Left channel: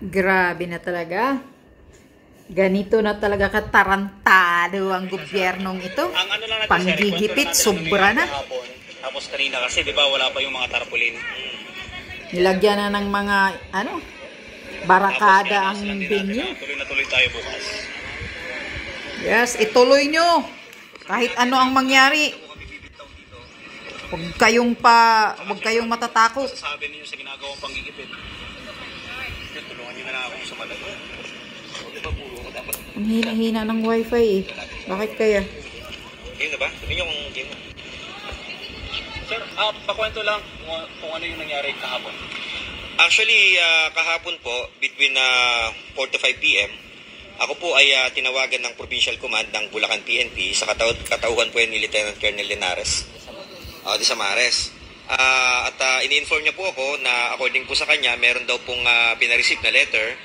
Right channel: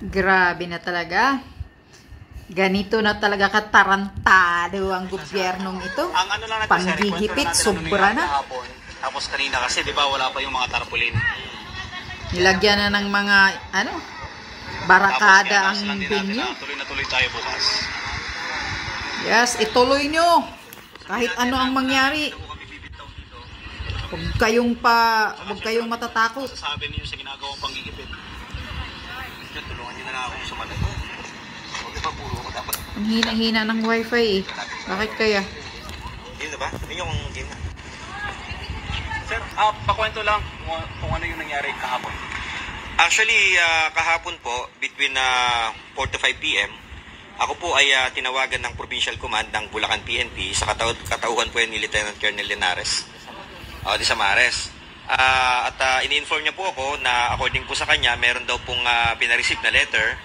Grabe na talaga. Ganito na talaga katarantado ang gobyernong ito. Ang ano lang natin, Panggigipit, sobra na. Tapos kanina kasi, di ba, wala pa yung mga tarpaulin. Nilagyan na ng mga, barakada ang venue. Tuloy na tuloy tayo bukas. Yes, ituloy nyo. Kahit ano ang mangyari. Huwag kayong matatakot. Sasabi niyo sa ginagawang panggigipit. Tulungan niyo na lang akong sumalag. Ang hina-hina ng wifi eh. Bakit kaya? Game na ba? Sabi niyo kung game na. Sir, pakwento lang kung ano yung nangyari kahapon. Actually, kahapon po, between 4 to 5 p.m., ako po ay tinawagan ng Provincial Command ng Bulacan PNP sa katauhan po ni Lieutenant Colonel Linares. De Samares. At ini-inform niya po ako na according po sa kanya, meron daw pong pinareceive na letter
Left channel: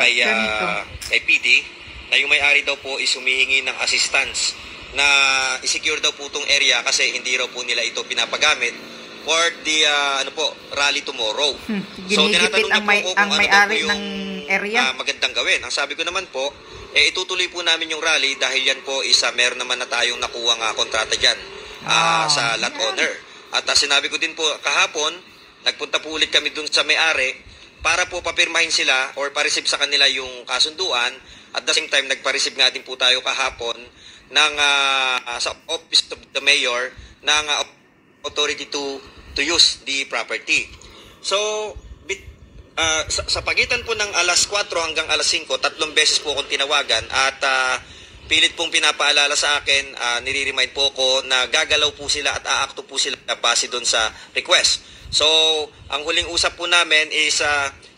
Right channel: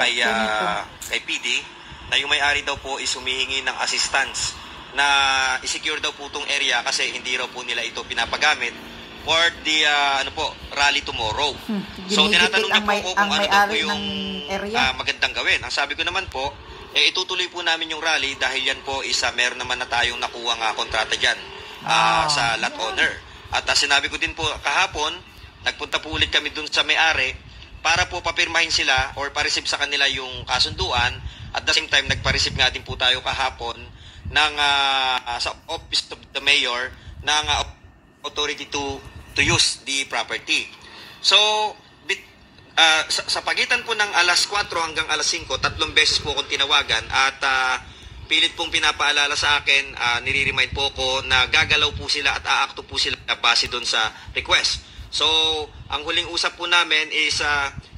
kay PD na yung may-ari daw po is humihingi ng assistance na i-secure daw po itong area kasi hindi raw po nila ito pinapagamit for the rally tomorrow. So tinatanong niya po ako kung ano daw po yung magandang gawin. Ang sabi ko naman po, itutuloy po namin yung rally dahil yan po meron naman na tayong nakuha kontrata dyan sa lot owner. At sinabi ko din po kahapon, nagpunta po ulit kami dun sa may-ari para po papirmahin sila or pa-receive sa kanila yung kasunduan. At the same time, nagpa-receive nga din po tayo kahapon ng sa Office of the Mayor ng authority to use the property. So, sa pagitan po ng alas 4 hanggang alas 5, 3 beses po akong tinawagan at pilit pong pinapaalala sa akin, nire-remind po ko na gagalaw po sila at aakto po sila base doon sa request. So, ang huling usap po namin is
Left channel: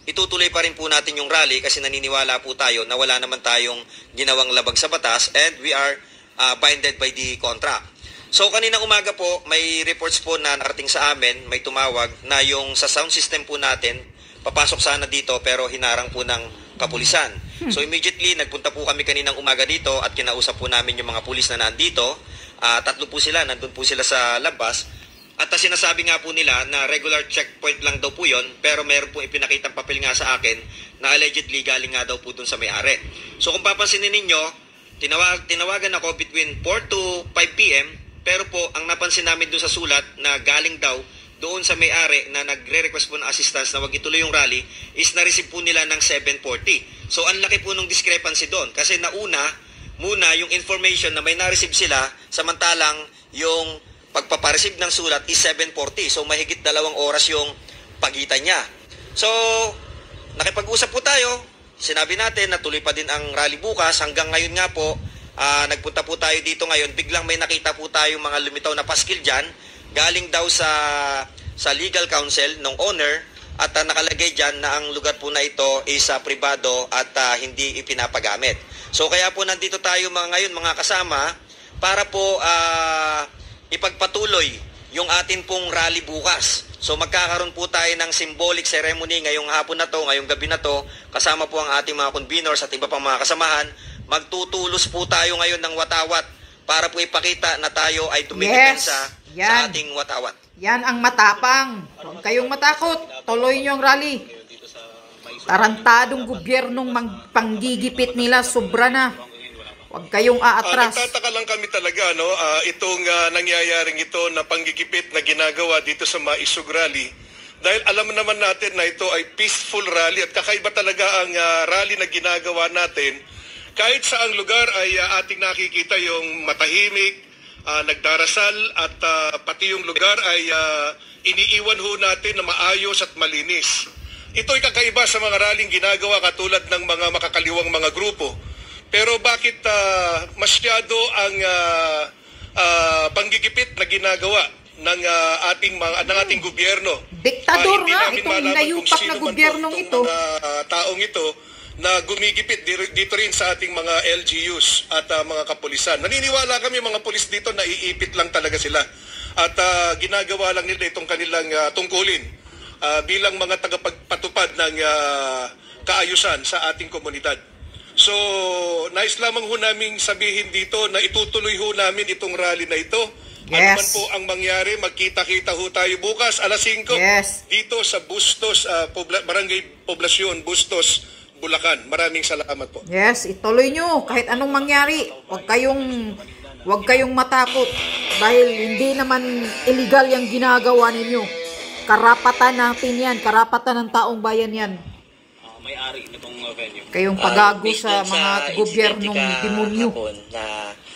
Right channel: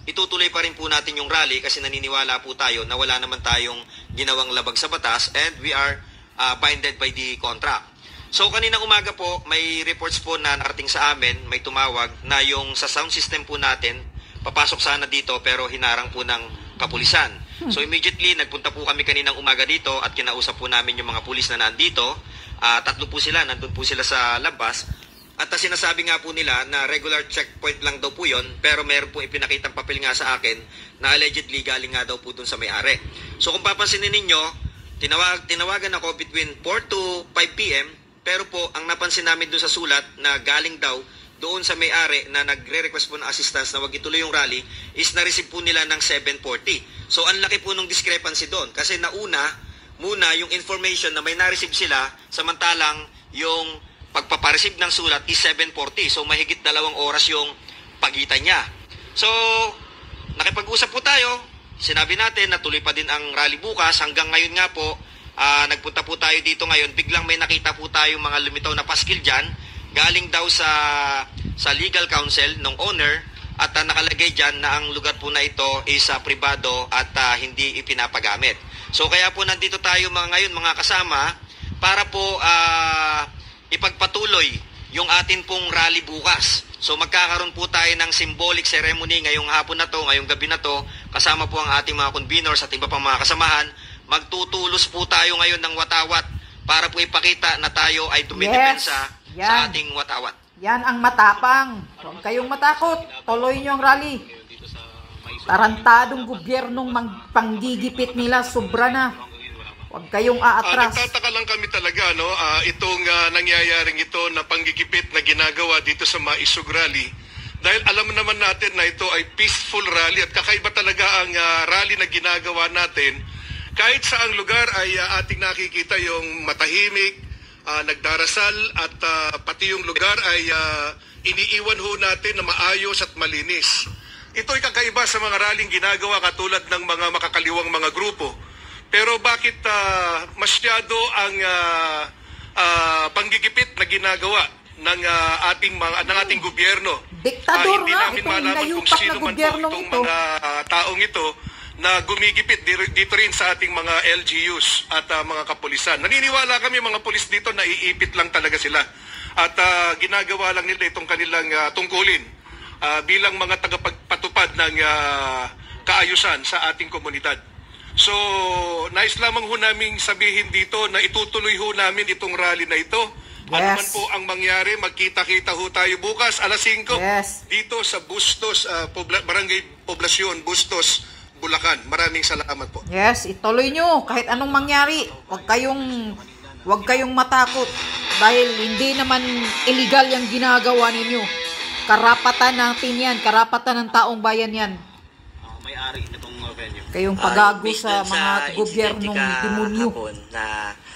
itutuloy pa rin po natin yung rally kasi naniniwala po tayo na wala naman tayong ginawang labag sa batas and we are binded by the contract. So, kanina umaga po, may reports po na narating sa amin, may tumawag na yung sa sound system po natin, papasok sana dito pero hinarang po ng kapulisan. So immediately nagpunta po kami kaninang umaga dito at kinausap po namin yung mga pulis na nandito. 3 po sila, nandun po sila sa labas. At sinasabi nga po nila na regular checkpoint lang daw po yun, pero meron po ipinakitang papel nga sa akin na allegedly galing nga daw po dun sa may-ari. So kung papansinin ninyo, tinawagan ako between 4 to 5 p.m. pero po ang napansin namin dun sa sulat na galing daw doon sa may-ari na nagre-request po ng assistance na wag ituloy yung rally is na-receive po nila ng 740. So ang laki po ng discrepancy doon kasi muna yung information na may na-receive sila samantalang yung pagpapareceive ng sulat is 740. So mahigit 2 oras yung pagitan niya. So nakipag-usap po tayo. Sinabi natin na tuloy pa din ang rally bukas. Hanggang ngayon nga po, nagpunta po tayo dito ngayon. Biglang may nakita po tayo mga lumitaw na paskil dyan. Galing daw sa legal counsel ng owner at nakalagay dyan na ang lugar po na ito is pribado at hindi ipinapagamit. So kaya po nandito tayo ngayon mga kasama para po ipagpatuloy yung atin pong rally bukas. So magkakaroon po tayo ng symbolic ceremony ngayong hapon na to, ngayong gabi na to, kasama po ang ating mga conveners at iba pang mga kasamahan. Magtutulos po tayo ngayon ng watawat para po ipakita na tayo ay dumidepensa sa ating watawat. Yan ang matapang. Huwag kayong matakot. Tuloy nyo ang rally. Tarantadong gobyernong panggigipit nila. Sobra na. Huwag kayong aatras. Nagtataka lang kami talaga, no? Itong nangyayaring ito na panggigipit na ginagawa dito sa Maisog Rally. Dahil alam naman natin na ito ay peaceful rally at kakaiba talaga ang rally na ginagawa natin. Kahit sa ang lugar ay ating nakikita yung matahimik, nagdarasal at pati yung lugar ay iniiwan ho natin na maayos at malinis. Ito ay kakaiba sa mga rallying ginagawa katulad ng mga makakaliwang mga grupo. Pero bakit masyado ang panggigipit na ginagawa ng ating gobyerno? Diktador nga itong inayupak na gobyernong ito. Mga taong ito na gumigipit dito rin sa ating mga LGUs at mga kapulisan. Naniniwala kami mga pulis dito na iipit lang talaga sila at ginagawa lang nila itong kanilang tungkulin bilang mga tagapagpatupad ng kaayusan sa ating komunidad. So, nais lamang ho namin sabihin dito na itutuloy ho namin itong rally na ito Ano man Yes. po ang mangyari, magkita-kita ho tayo bukas, alas 5, Yes. dito sa Bustos, Barangay Poblasyon, Bustos, Bulacan. Maraming salamat po. Yes, ituloy nyo kahit anong mangyari. Huwag kayong matakot dahil hindi naman illegal yung ginagawa ninyo. Karapatan natin yan, karapatan ng taong bayan yan. May-ari nitong venue. Kayong pagago Based sa dun mga insidente gobyernong demonyo. kahapon na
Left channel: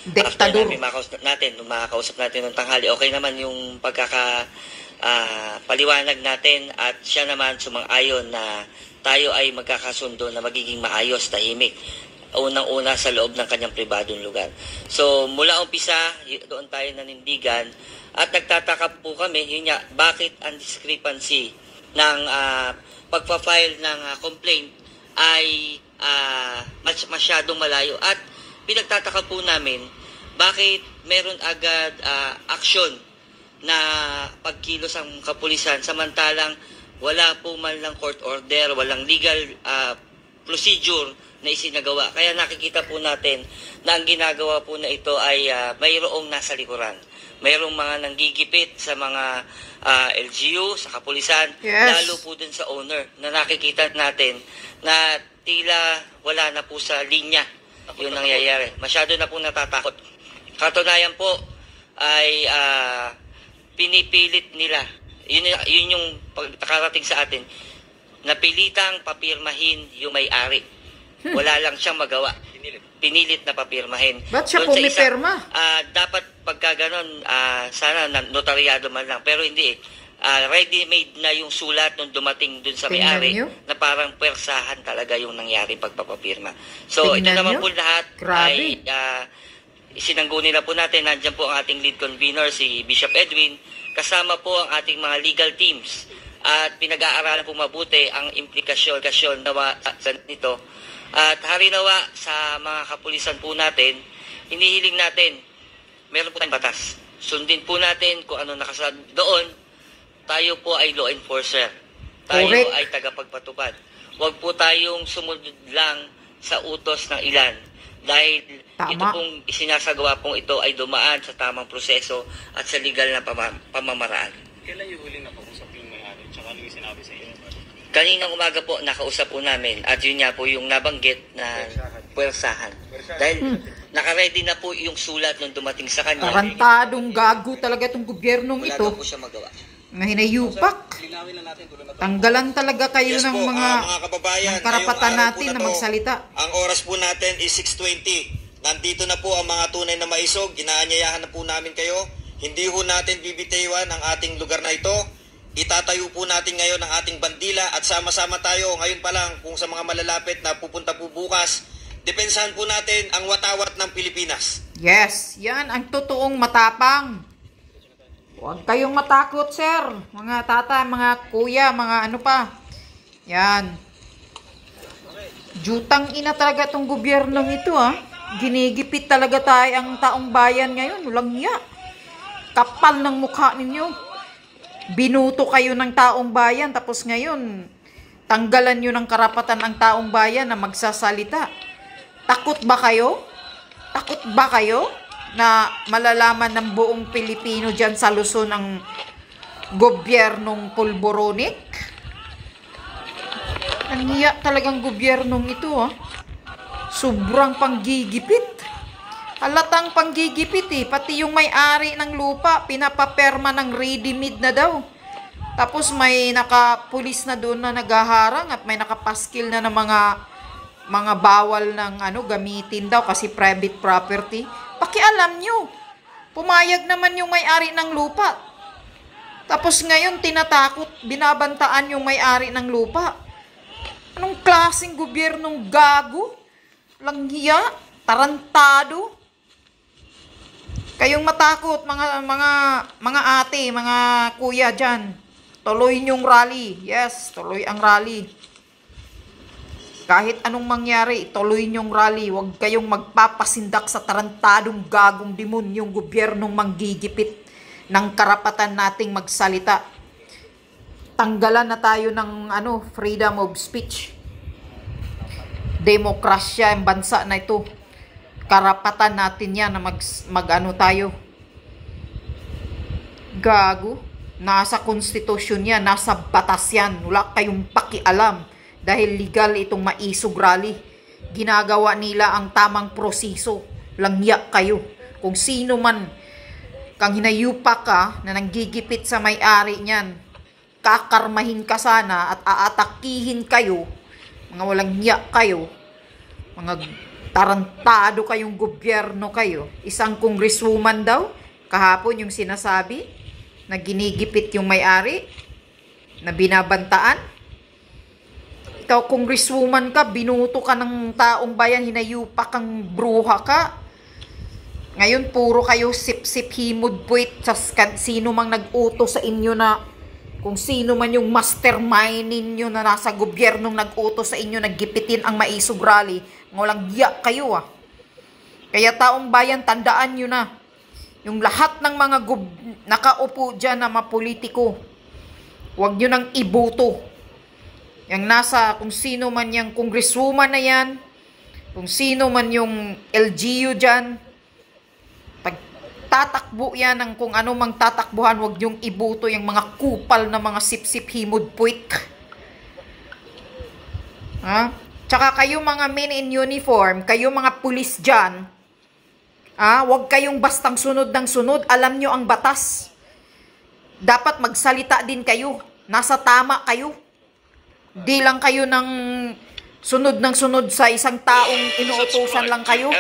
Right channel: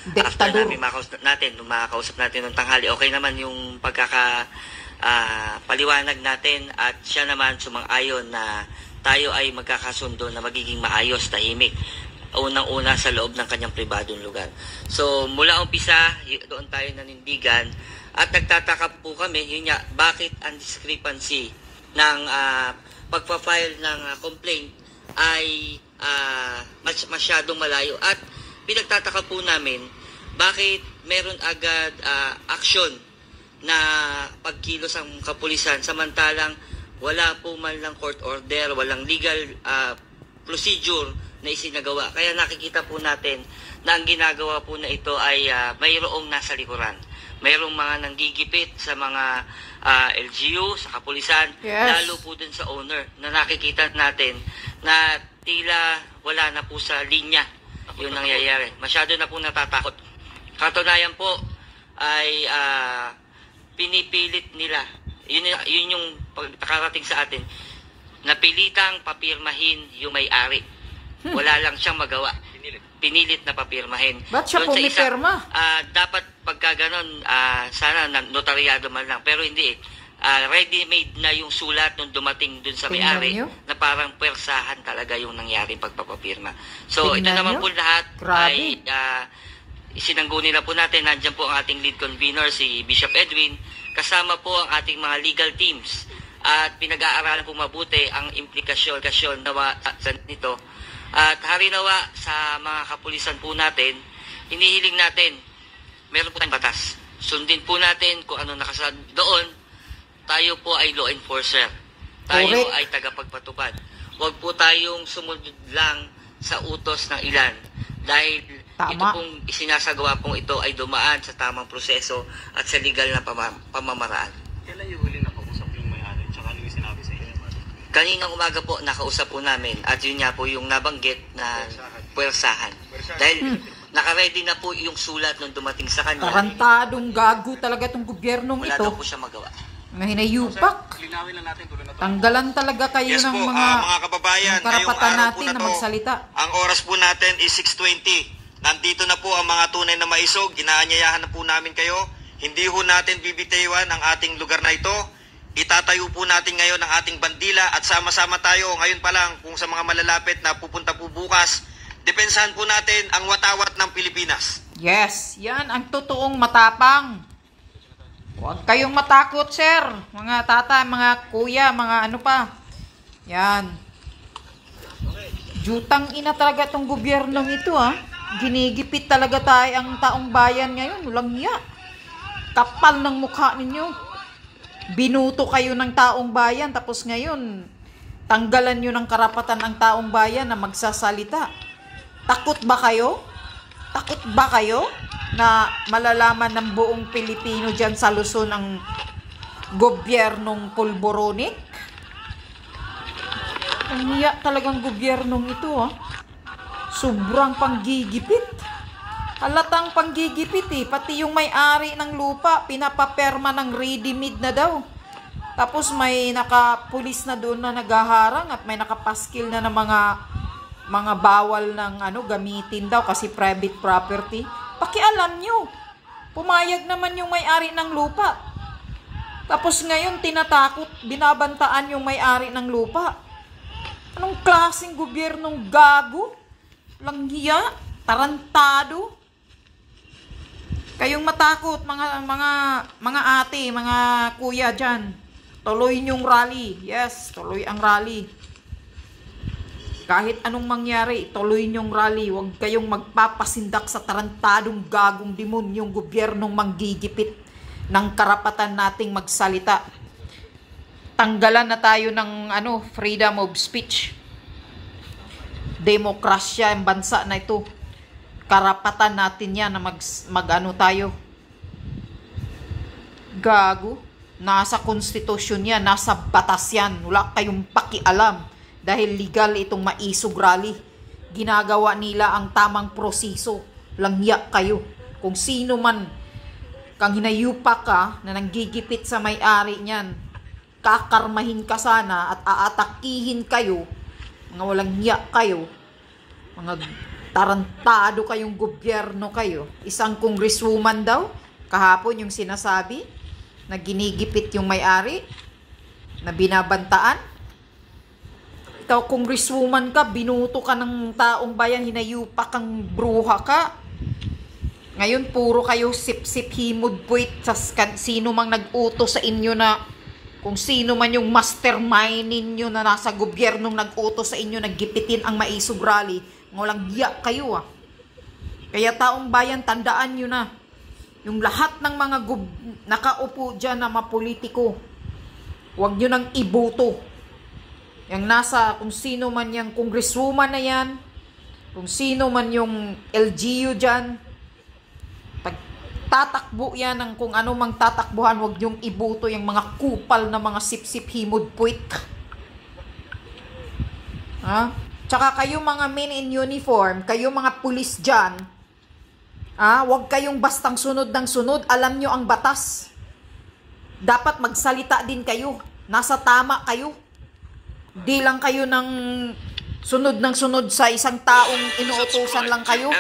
Diktador. after namin makakausap natin ng tanghali, okay naman yung paliwanag natin at siya naman sumang-ayon na tayo ay magkakasundo na magiging maayos, tahimik. Unang-una sa loob ng kanyang pribadong lugar. So, mula umpisa, doon tayo nanindigan at nagtataka po kami, yun nga, bakit ang discrepancy ng pagpa-file ng complaint ay masyadong malayo at pinagtataka po namin bakit meron agad aksyon na pagkilos ang kapulisan samantalang wala po man lang court order, walang legal procedure na isinagawa. Kaya nakikita po natin na ang ginagawa po na ito ay mayroong nasa likuran. Mayroong mga nanggigipit sa mga LGU, sa kapulisan, Yes. lalo po dun sa owner na nakikita natin na tila wala na po sa linya yung nangyayari. Masyado na po natatakot. Katunayan po ay pinipilit nila. Yun yung pagkarating sa atin. Napilitang papirmahin yung may-ari. Wala lang siyang magawa. Pinilit na papirmahin. Ba't siya Doon sa pumipirma? dapat pagka ganon, sana notaryado man lang. Pero hindi. Ready-made na yung sulat nung dumating dun sa Tingnan may-ari nyo. na parang persahan talaga yung nangyari pagpapapirma. So, ito Tingnan naman nyo. po lahat Grabe. ay isinangguni na po natin. Nandiyan po ang ating lead convener, si Bishop Edwin. Kasama po ang ating mga legal teams. At pinag-aaralan po mabuti ang implikasyon sa nito. At harinawa sa mga kapulisan po natin, hinihiling natin, meron po tayong batas. Sundin po natin kung ano nakasaad doon. Tayo po ay law enforcer. Tayo Correct. ay tagapagpatupad. Huwag po tayong sumunod lang sa utos ng ilan. Dahil Tama. ito pong isinasagawa pong ito ay dumaan sa tamang proseso at sa legal na pamamaraan. Kailan yung huli na pag-usap yung may-ari? Tsaka ano yung sinabi sa inyo? Kaninang umaga po, nakausap po namin at yun nga po yung nabanggit na puwersahan. Dahil nakaready na po yung sulat nung dumating sa kanya. Tarantadong gago talaga itong gobyernong Wala daw ito. po siya magawa. Mga hinayupak. Linawin lang natin tuloy na to. Tanggalan talaga kayo Yes ng po, mga mga kababayan, ng karapatan ngayong araw natin po na to, magsalita. Ang oras po natin is 6:20. Nandito na po ang mga tunay na maisog. Inaanyayahan na po namin kayo. Hindi ho natin bibitiwan ang ating lugar na ito. Itatayo po natin ngayon ang ating bandila at sama-sama tayo ngayon pa lang kung sa mga malalapit na pupunta po bukas. Depensahan po natin ang watawat ng Pilipinas. Yes, yan ang totoong matapang. Huwag kayong matakot, sir. Mga tata, mga kuya, mga ano pa. Yan. Jutang ina talaga itong gobyernong ito, ha. Ginigipit talaga tayo ang taong bayan ngayon. Walang hiya. Kapal ng mukha ninyo. Binuto kayo ng taong bayan, tapos ngayon, tanggalan nyo ng karapatan ang taong bayan na magsasalita. Takot ba kayo? Takot ba kayo na malalaman ng buong Pilipino dyan sa Luzon ang gobyernong pulboronik? Ang hiya talagang gobyernong ito, ha. Sobrang panggigipit. Halatang panggigipit, pati yung may-ari ng lupa, pinapaperma ng ready-made na daw. Tapos may nakapulis na doon na naghaharang at may nakapaskil na ng mga bawal ng gamitin daw kasi private property. Pakialam nyo, pumayag naman yung may-ari ng lupa. Tapos ngayon tinatakot, binabantaan yung may-ari ng lupa. Anong klaseng gobyernong gago? Langhiya, tarantado. Kayong matakot, mga ate, mga kuya dyan. Tuloy nyong rally. Yes, tuloy ang rally. Kahit anong mangyari, tuloy nyong rally. Huwag kayong magpapasindak sa tarantadong gagong demonyong gobyernong manggigipit ng karapatan nating magsalita. Tanggalan na tayo ng freedom of speech. Demokrasya ang bansa na ito. Karapatan natin yan na tayo. Gago. Nasa konstitusyon yan, nasa batas yan. Wala kayong pakialam dahil legal itong maisog rally. Ginagawa nila ang tamang proseso. Langya kayo. Kung sino man kang hinayupa ka na nanggigipit sa may-ari niyan, kakarmahin ka sana at aatakihin kayo. Mga walang hiya kayo. Mga tarantado kayong gobyerno kayo. Isang congresswoman daw, kahapon yung sinasabi, na ginigipit yung may-ari, na binabantaan. Ikaw, congresswoman ka, binuto ka ng taong bayan, hinayupa kang bruha ka. Ngayon, puro kayo sip-sip himod puwit sa sino mang nag-utos sa inyo na, kung sino man yung mastermind ninyo na nasa gobyernong nag-utos sa inyo, naggipitin ang maisog rally. Walang giya kayo ah. Kaya taong bayan, tandaan nyo na, yung lahat ng mga nakaupo dyan na mga politiko, huwag nyo nang iboto. Yung nasa, kung sino man yung congresswoman na yan, kung sino man yung LGU dyan, tatakbo yan ng kung ano mang tatakbuhan, huwag yung iboto yung mga kupal na mga sip-sip himod puwit. Ha? Tsaka kayo mga men in uniform, kayo mga pulis dyan, huwag kayong bastang sunod ng sunod. Alam nyo ang batas. Dapat magsalita din kayo. Nasa tama kayo. Di lang kayo ng sunod sa isang taong inuutosan lang kayo.